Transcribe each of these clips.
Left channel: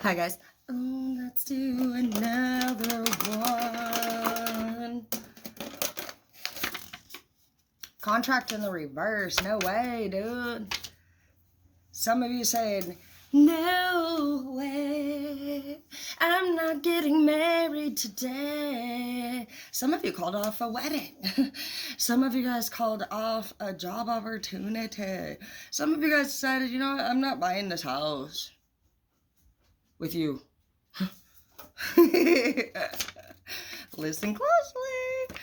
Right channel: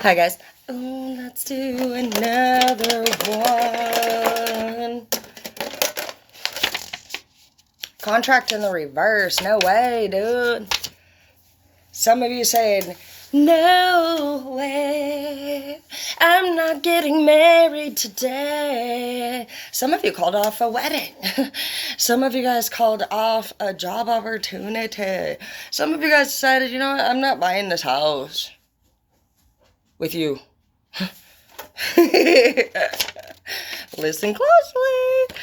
Hi guys. Oh, let's do another one. Contract in the reverse. No way, dude. Some of you saying, no way. I'm not getting married today. Some of you called off a wedding. Some of you guys called off a job opportunity. Some of you guys decided, you know what, I'm not buying this house with you. Listen closely.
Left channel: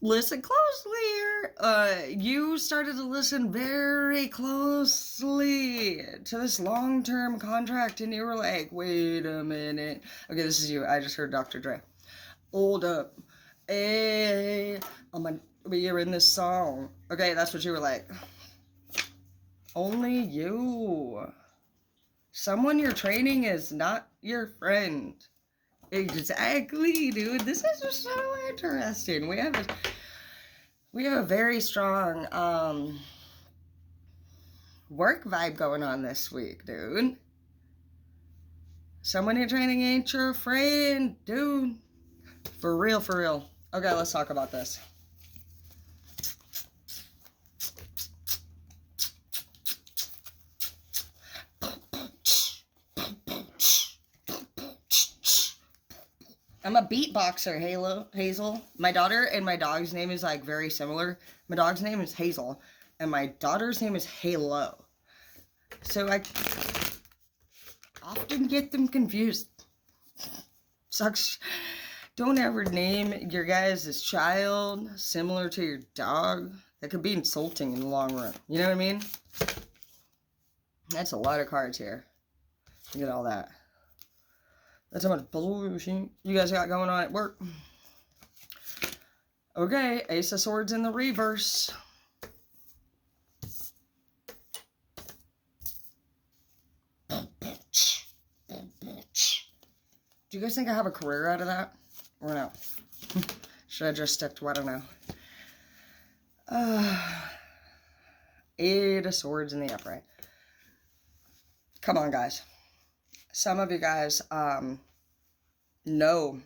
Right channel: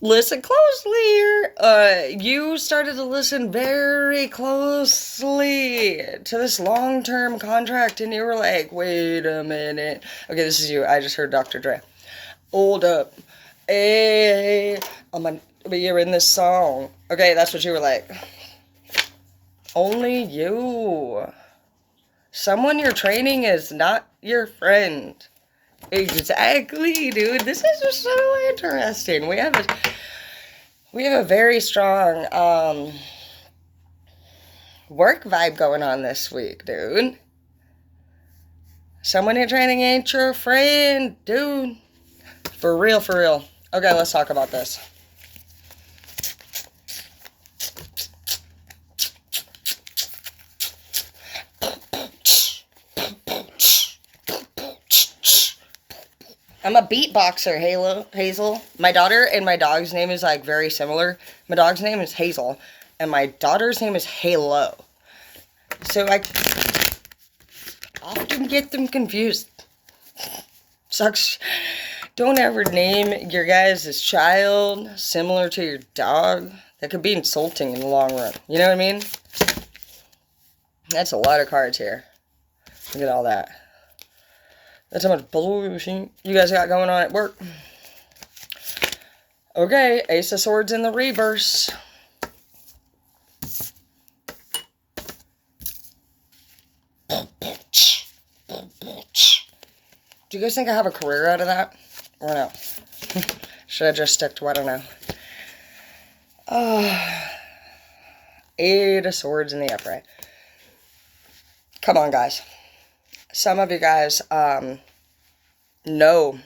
Listen closely. You started to listen very closely to this long-term contract, and you were like, wait a minute. Okay, this is you. I just heard Dr. Dre. Hold up. Hey, you're in this song. Okay, that's what you were like. Only you. Someone you're training is not your friend. Exactly, dude. This is just so interesting. We have a very strong work vibe going on this week, dude. Someone you're training ain't your friend, dude. For real, for real. Okay, let's talk about this. I'm a beatboxer, Hazel. My daughter and my dog's name is like very similar. My dog's name is Hazel, and my daughter's name is Halo. So I often get them confused. Sucks. Don't ever name your guys' child similar to your dog. That could be insulting in the long run. You know what I mean? That's a lot of cards here. Look at all that. That's how much bullshit you guys got going on at work. Okay, Ace of Swords in the reverse. Do you guys think I have a career out of that? Or no? Should I just stick to what I know? Eight of Swords in the upright. Come on, guys. Some of you guys know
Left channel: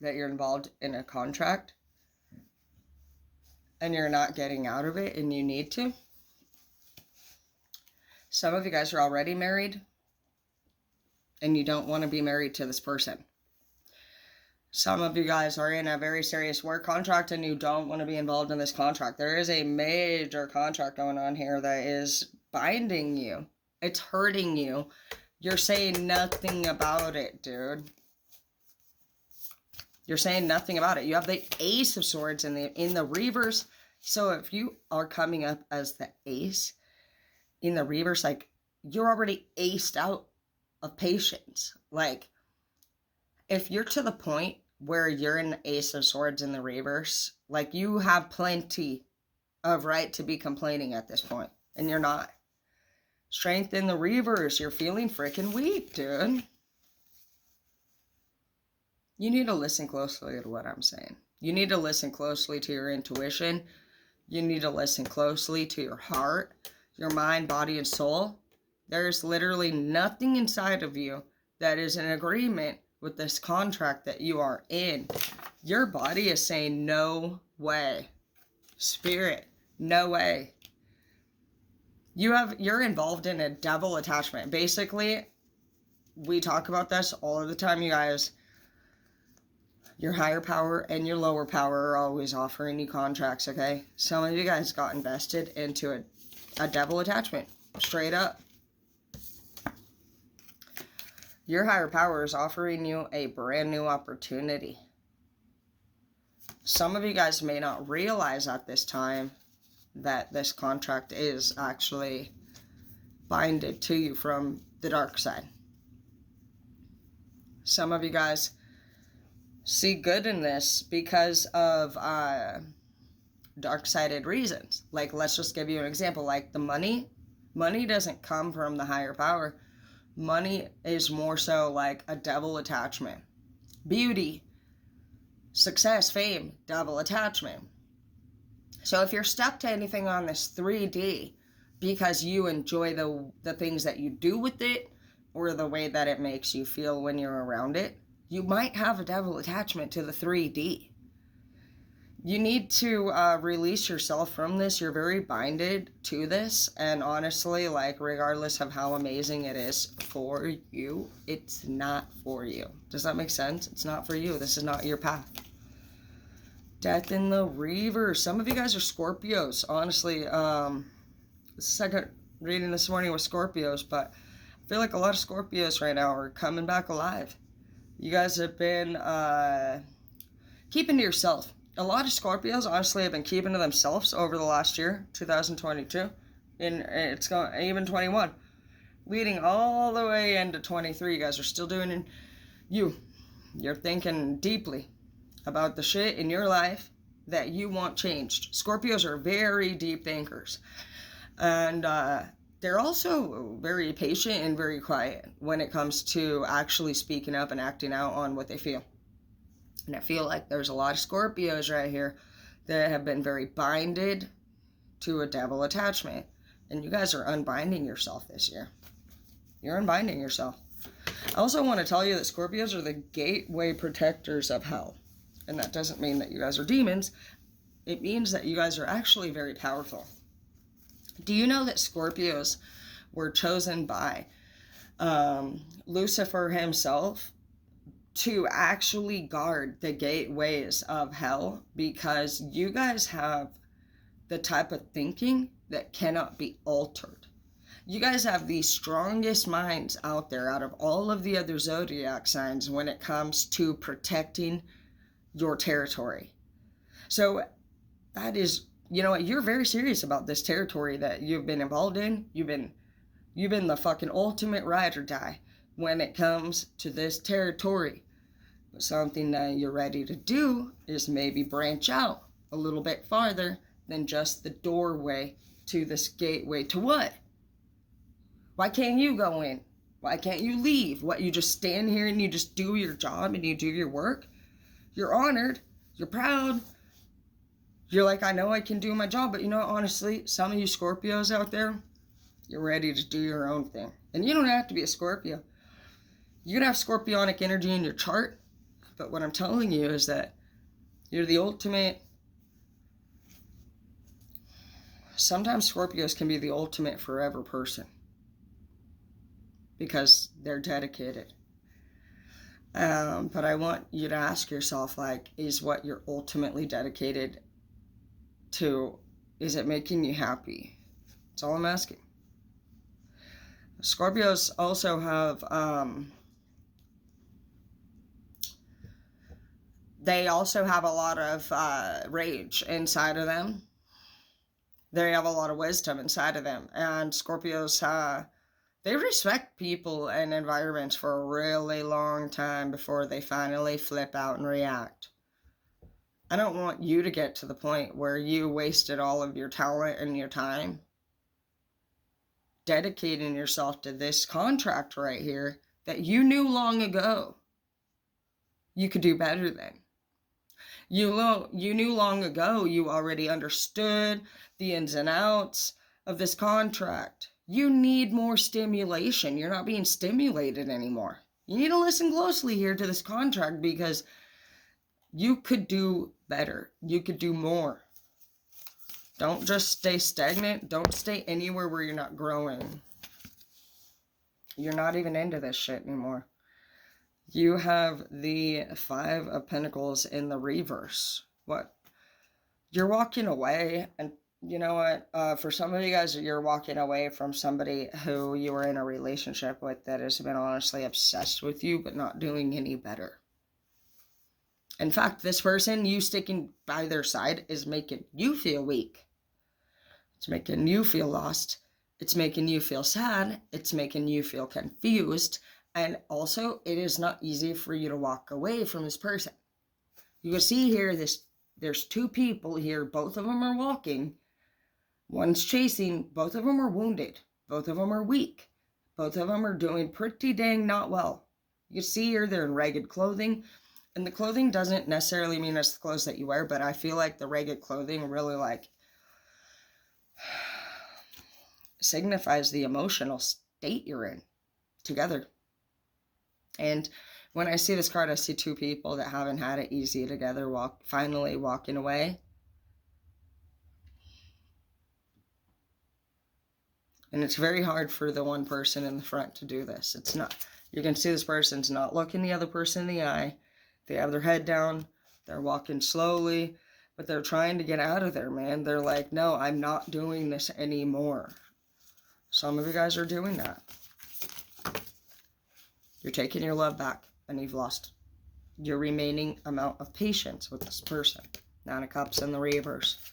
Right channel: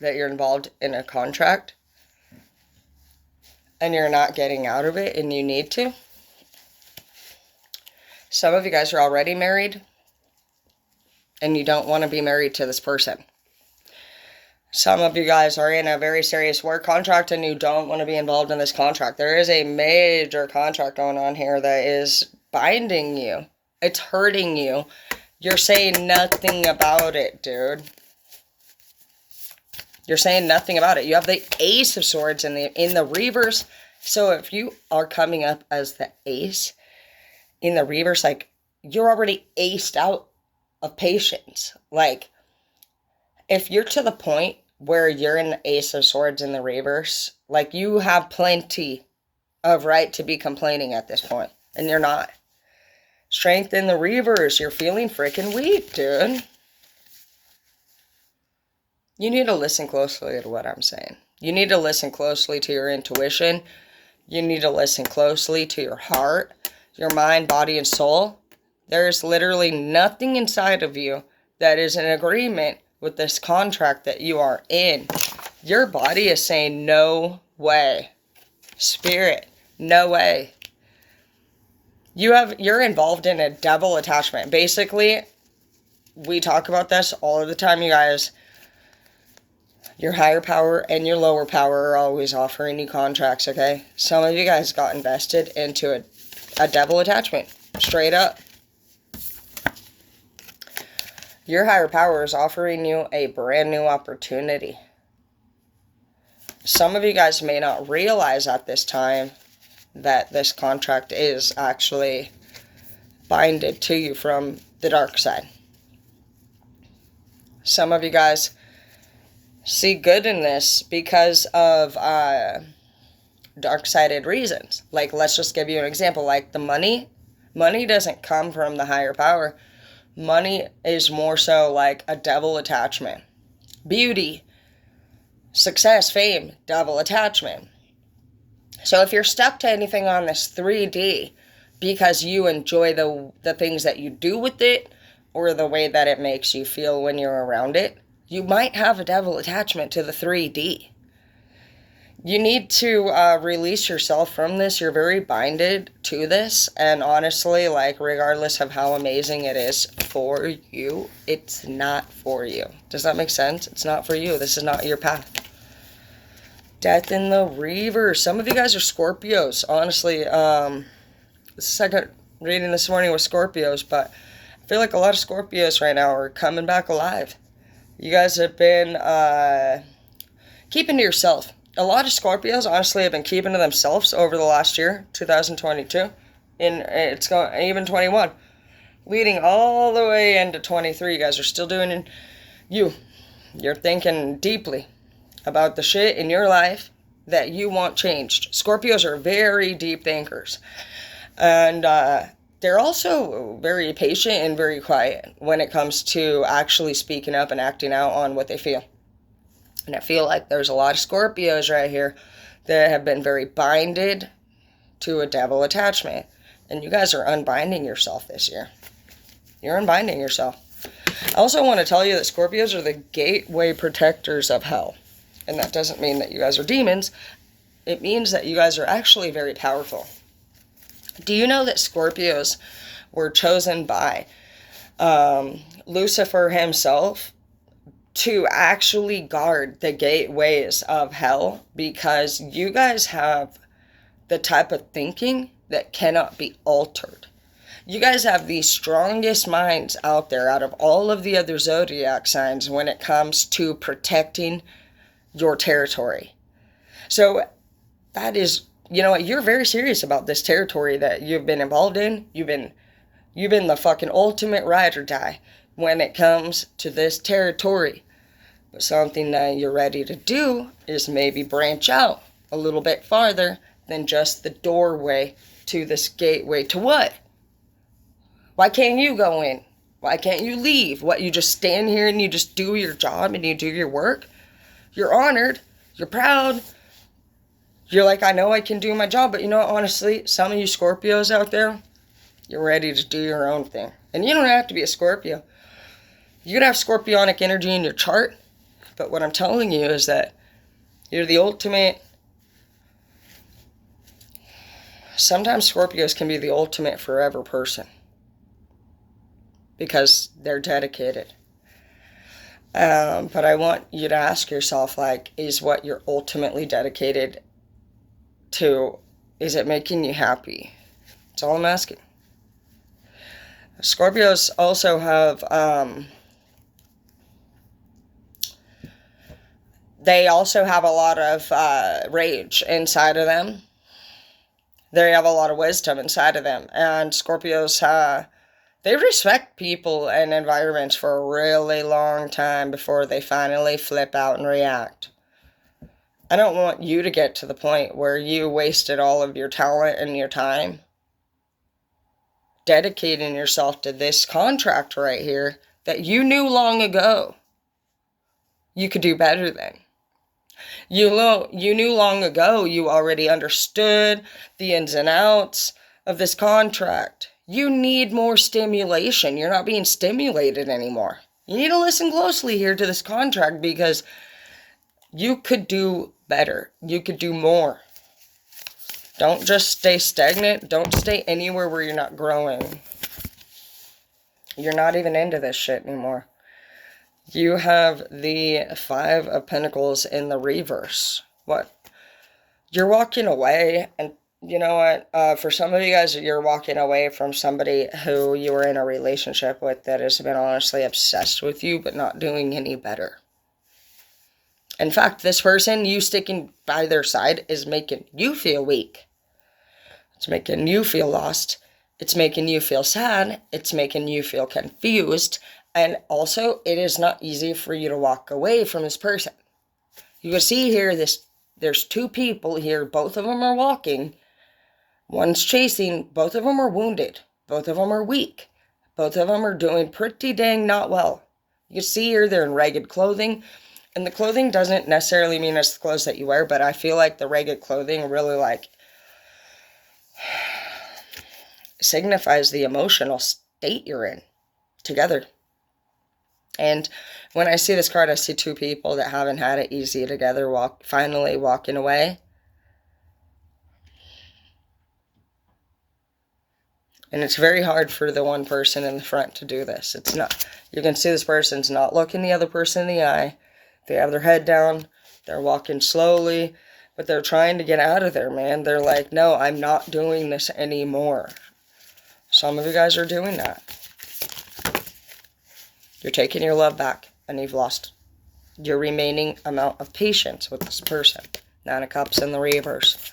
that you're involved in a contract and you're not getting out of it and you need to. Some of you guys are already married and you don't want to be married to this person. Some of you guys are in a very serious work contract and you don't want to be involved in this contract. There is a major contract going on here that is binding you. It's hurting you. You're saying nothing about it, dude. You're saying nothing about it. You have the Ace of Swords in the reverse. So if you are coming up as the Ace in the reverse, like, you're already aced out of patience. Like, if you're to the point where you're in the Ace of Swords in the reverse, like, you have plenty of right to be complaining at this point, and you're not. Strength in the reverse. You're feeling freaking weak, dude. You need to listen closely to what I'm saying. You need to listen closely to your intuition. You need to listen closely to your heart, your mind, body, and soul. There's literally nothing inside of you that is in agreement with this contract that you are in. Your body is saying, no way. Spirit, no way. You're involved in a double attachment. Basically, we talk about this all of the time, you guys. Your higher power and your lower power are always offering you contracts, okay? Some of you guys got invested into a double attachment. Straight up. Your higher power is offering you a brand new opportunity. Some of you guys may not realize at this time that this contract is actually binded to you from the dark side. Some of you guys see good in this because of dark-sided reasons. Like, let's just give you an example. Like, the money doesn't come from the higher power. Money is more so like a double attachment. Beauty, success, fame, double attachment. So if you're stuck to anything on this 3D because you enjoy the things that you do with it, or the way that it makes you feel when you're around it, you might have a devil attachment to the 3D. You need to release yourself from this. You're very binded to this. And honestly, like, regardless of how amazing it is for you, it's not for you. Does that make sense? It's not for you. This is not your path. Death in the reverse. Some of you guys are Scorpios. Honestly, the second reading this morning was Scorpios, but I feel like a lot of Scorpios right now are coming back alive. You guys have been keeping to yourself. A lot of Scorpios, honestly, have been keeping to themselves over the last year, 2022. And it's going, even 21. Leading all the way into 23. You guys are still doing You're thinking deeply about the shit in your life that you want changed. Scorpios are very deep thinkers. And they're also very patient and very quiet when it comes to actually speaking up and acting out on what they feel. And I feel like there's a lot of Scorpios right here that have been very binded to a devil attachment. And you guys are unbinding yourself this year. You're unbinding yourself. I also want to tell you that Scorpios are the gateway protectors of hell. And that doesn't mean that you guys are demons. It means that you guys are actually very powerful. Do you know that Scorpios were chosen by Lucifer himself to actually guard the gateways of hell, because you guys have the type of thinking that cannot be altered. You guys have the strongest minds out there out of all of the other zodiac signs when it comes to protecting your territory. So that is, you know what, you're very serious about this territory that you've been involved in. You've been the fucking ultimate ride or die when it comes to this territory. But something that you're ready to do is maybe branch out a little bit farther than just the doorway to this gateway to what? Why can't you go in? Why can't you leave? What, you just stand here and you just do your job and you do your work? You're honored. You're proud. You're like, I know I can do my job. But you know what, honestly, some of you Scorpios out there, you're ready to do your own thing. And you don't have to be a Scorpio. You could have Scorpionic energy in your chart. But what I'm telling you is that you're the ultimate. Sometimes Scorpios can be the ultimate forever person because they're dedicated. But I want you to ask yourself, like, is what you're ultimately dedicated to, is it making you happy? That's all I'm asking. Scorpios also have, they also have a lot of rage inside of them. They have a lot of wisdom inside of them. And Scorpios, they respect people and environments for a really long time before they finally flip out and react. I don't want you to get to the point where you wasted all of your talent and your time dedicating yourself to this contract right here that you knew long ago you could do better than. You knew long ago you already understood the ins and outs of this contract. You need more stimulation. You're not being stimulated anymore. You need to listen closely here to this contract because you could do better. You could do more. Don't just stay stagnant. Don't stay anywhere where you're not growing. You're not even into this shit anymore. You have the Five of Pentacles in the reverse. What? You're walking away, and you know what? For some of you guys, you're walking away from somebody who you were in a relationship with that has been honestly obsessed with you, but not doing any better. In fact, this person, you sticking by their side, is making you feel weak. It's making you feel lost. It's making you feel sad. It's making you feel confused. And also, it is not easy for you to walk away from this person. You can see here, there's two people here. Both of them are walking. One's chasing. Both of them are wounded. Both of them are weak. Both of them are doing pretty dang not well. You can see here, they're in ragged clothing. And the clothing doesn't necessarily mean it's the clothes that you wear, but I feel like the ragged clothing really, like, signifies the emotional state you're in. together. And when I see this card, I see two people that haven't had it easy together, finally walking away. And it's very hard for the one person in the front to do this. It's not, you can see this person's not looking the other person in the eye. They have their head down. They're walking slowly, but they're trying to get out of there, man. They're like, no, I'm not doing this anymore. Some of you guys are doing that. You're taking your love back, and you've lost your remaining amount of patience with this person. Nine of Cups in the reverse.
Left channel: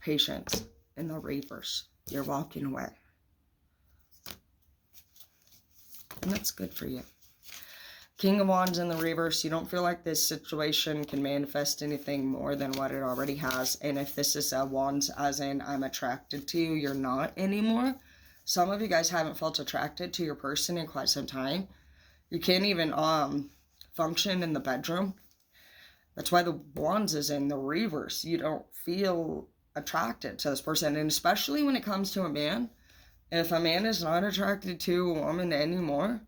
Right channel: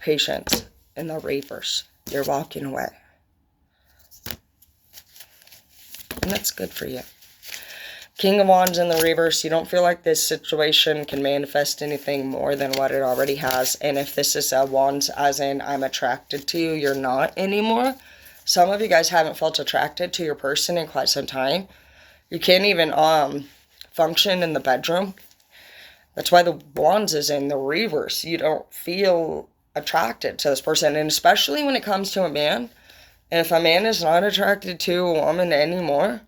Patience in the reverse. You're walking away. And that's good for you. King of Wands in the reverse. You don't feel like this situation can manifest anything more than what it already has. And if this is a Wands as in I'm attracted to you, you're not anymore. Some of you guys haven't felt attracted to your person in quite some time. You can't even function in the bedroom. That's why the Wands is in the reverse. You don't feel attracted to this person. And especially when it comes to a man. If a man is not attracted to a woman anymore,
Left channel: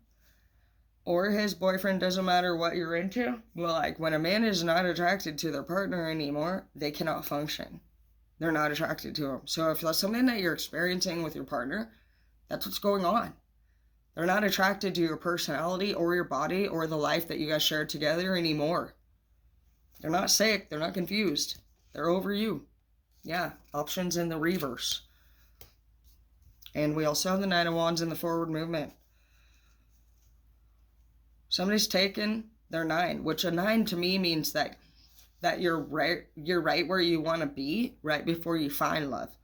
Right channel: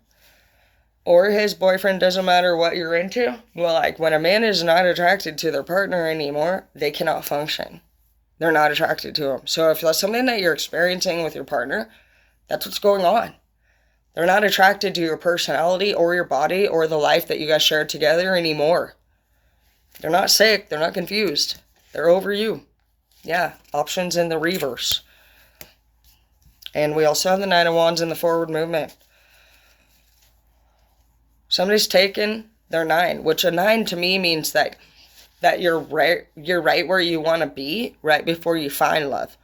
or his boyfriend, doesn't matter what you're into, well, like when a man is not attracted to their partner anymore, they cannot function. They're not attracted to him. So if that's something that you're experiencing with your partner, that's what's going on. They're not attracted to your personality or your body or the life that you guys share together anymore. They're not sick. They're not confused. They're over you. Yeah, options in the reverse. And we also have the Nine of Wands in the forward movement. Somebody's taken their 9, which a 9 to me means that you're right where you want to be right before you find love.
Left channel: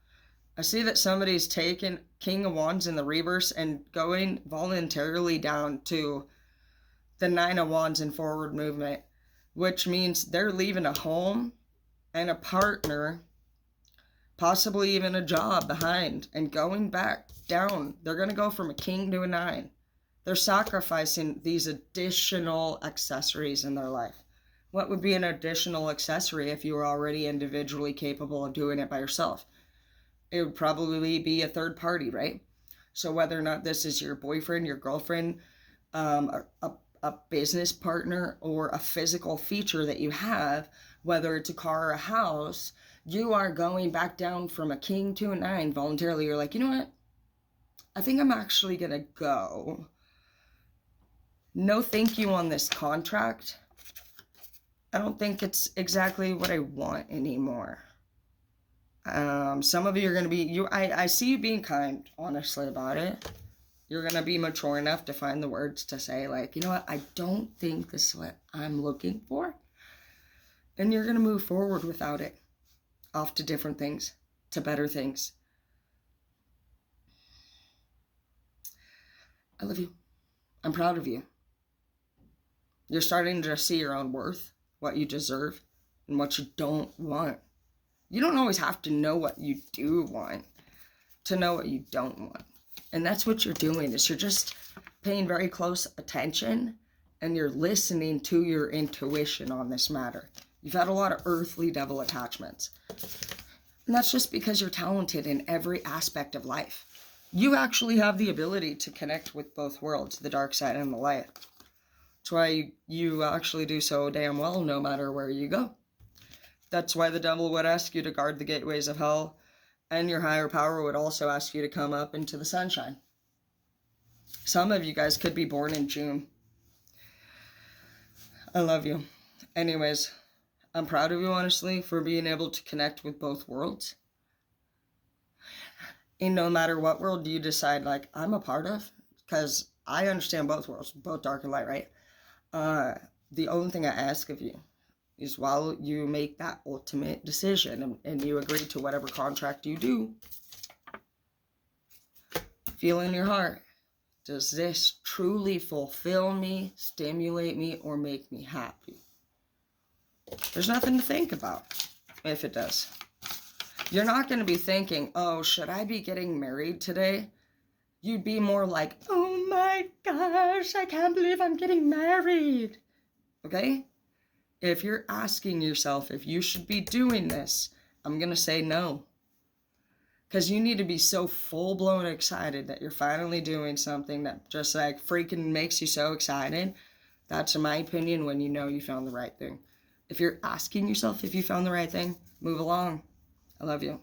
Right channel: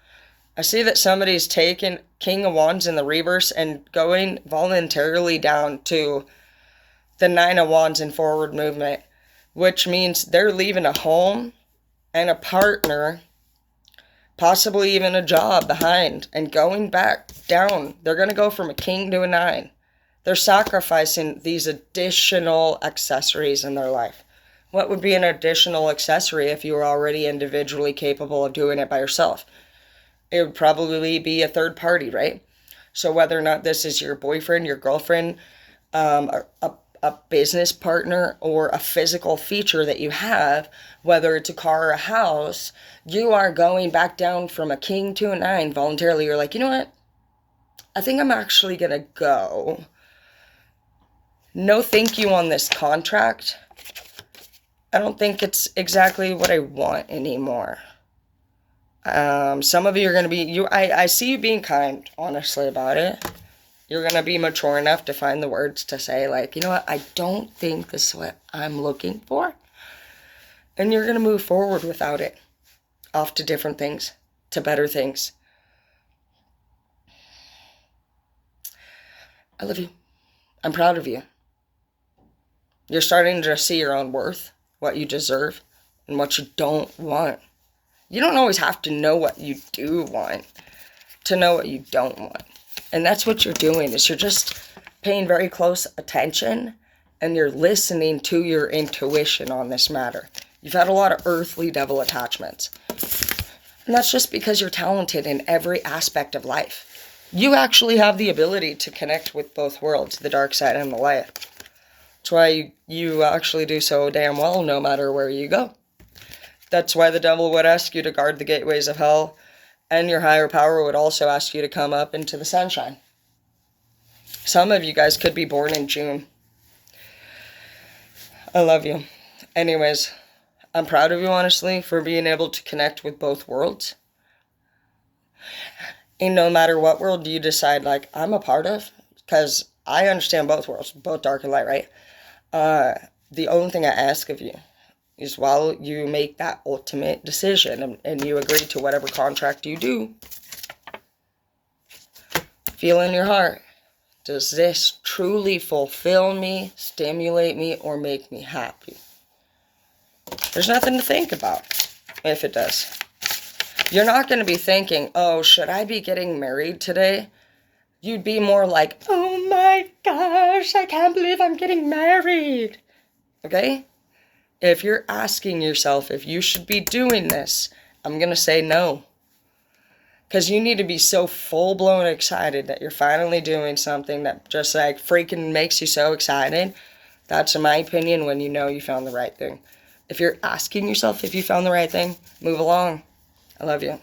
I see that somebody's taken King of Wands in the reverse and going voluntarily down to the Nine of Wands in forward movement, which means they're leaving a home and a partner, possibly even a job behind, and going back down. They're going to go from a king to a 9. They're sacrificing these additional accessories in their life. What would be an additional accessory if you were already individually capable of doing it by yourself? It would probably be a third party, right? So whether or not this is your boyfriend, your girlfriend, a business partner, or a physical feature that you have, whether it's a car or a house, you are going back down from a king to a 9 voluntarily. You're like, you know what? I think I'm actually going to go. No thank you on this contract. I don't think it's exactly what I want anymore. Some of you are going to be, I see you being kind, honestly, about it. You're going to be mature enough to find the words to say, like, you know what, I don't think this is what I'm looking for. And you're going to move forward without it. Off to different things, to better things. I love you. I'm proud of you. You're starting to see your own worth, what you deserve, and what you don't want. You don't always have to know what you do want to know what you don't want. And that's what you're doing, is you're just paying very close attention and you're listening to your intuition on this matter. You've had a lot of earthly devil attachments. And that's just because you're talented in every aspect of life. You actually have the ability to connect with both worlds, the dark side and the light. That's why you actually do so damn well no matter where you go. That's why the devil would ask you to guard the gateways of hell, and your higher power would also ask you to come up into the sunshine. Some of you guys could be born in June. I love you. Anyways, I'm proud of you, honestly, for being able to connect with both worlds. And no matter what world you decide, like, I'm a part of, because I understand both worlds, both dark and light, right? The only thing I ask of you is while you make that ultimate decision and you agree to whatever contract you do, feel in your heart, does this truly fulfill me, stimulate me, or make me happy? There's nothing to think about if it does. You're not going to be thinking, oh, should I be getting married today? You'd be more like, oh my gosh, I can't believe I'm getting married. Okay? If you're asking yourself if you should be doing this, I'm going to say no. Because you need to be so full-blown excited that you're finally doing something that just like freaking makes you so excited. That's, in my opinion, when you know you found the right thing. If you're asking yourself if you found the right thing, move along. I love you.